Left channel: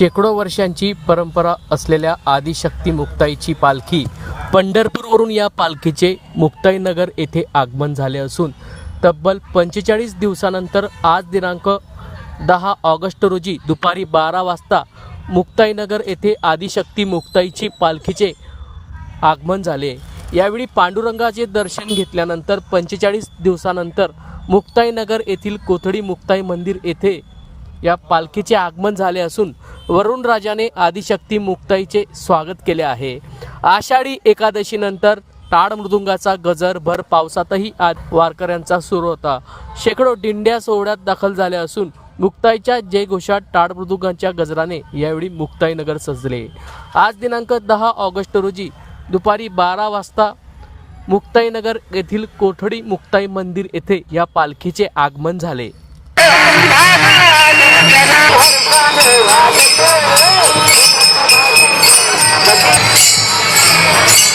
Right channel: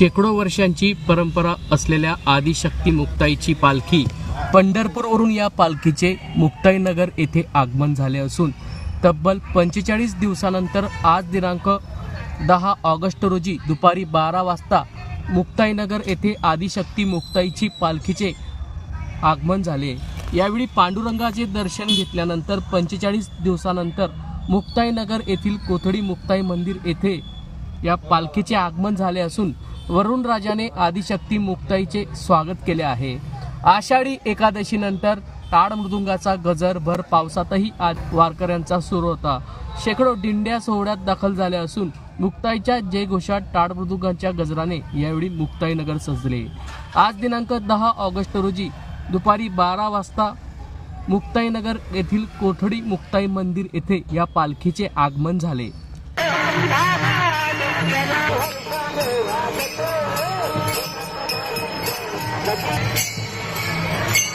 शेकडो वर्षांची परंपरा असलेल्या आदिशक्ती मुक्ताईची पालखी पंढरपूरवरून या पालखीचे मुक्ताईनगर येथे आगमन झाले असून तब्बल पंचेचाळीस दिवसानंतर आज दिनांक दहा ऑगस्ट रोजी दुपारी बारा वाजता मुक्ताईनगर येथे आदिशक्ती मुक्ताईची पालखीचे आगमन झाले. यावेळी पांडुरंगाचे दर्शन घेतल्यानंतर पंचेचाळीस दिवसानंतर मुक्ताईनगर येथील कोथडी मुक्ताई मंदिर येथे या पालखीचे आगमन झाले असून वरुण राजाने आदिशक्ती मुक्ताईचे स्वागत केले आहे. आषाढी एकादशीनंतर टाळ मृदुंगाचा गजर भर पावसातही आज वारकऱ्यांचा सुरू होता. शेकडो दिंड्या सोहळ्यात दाखल झाल्या असून मुक्ताईच्या जयघोषात टाळ मृदुंगाच्या गजराने यावेळी मुक्ताईनगर सजले. आज दिनांक दहा ऑगस्ट रोजी दुपारी बारा वाजता मुक्ताईनगर येथील कोठडी मुक्ताई मंदिर येथे या पालखीचे आगमन झाले. Yeah.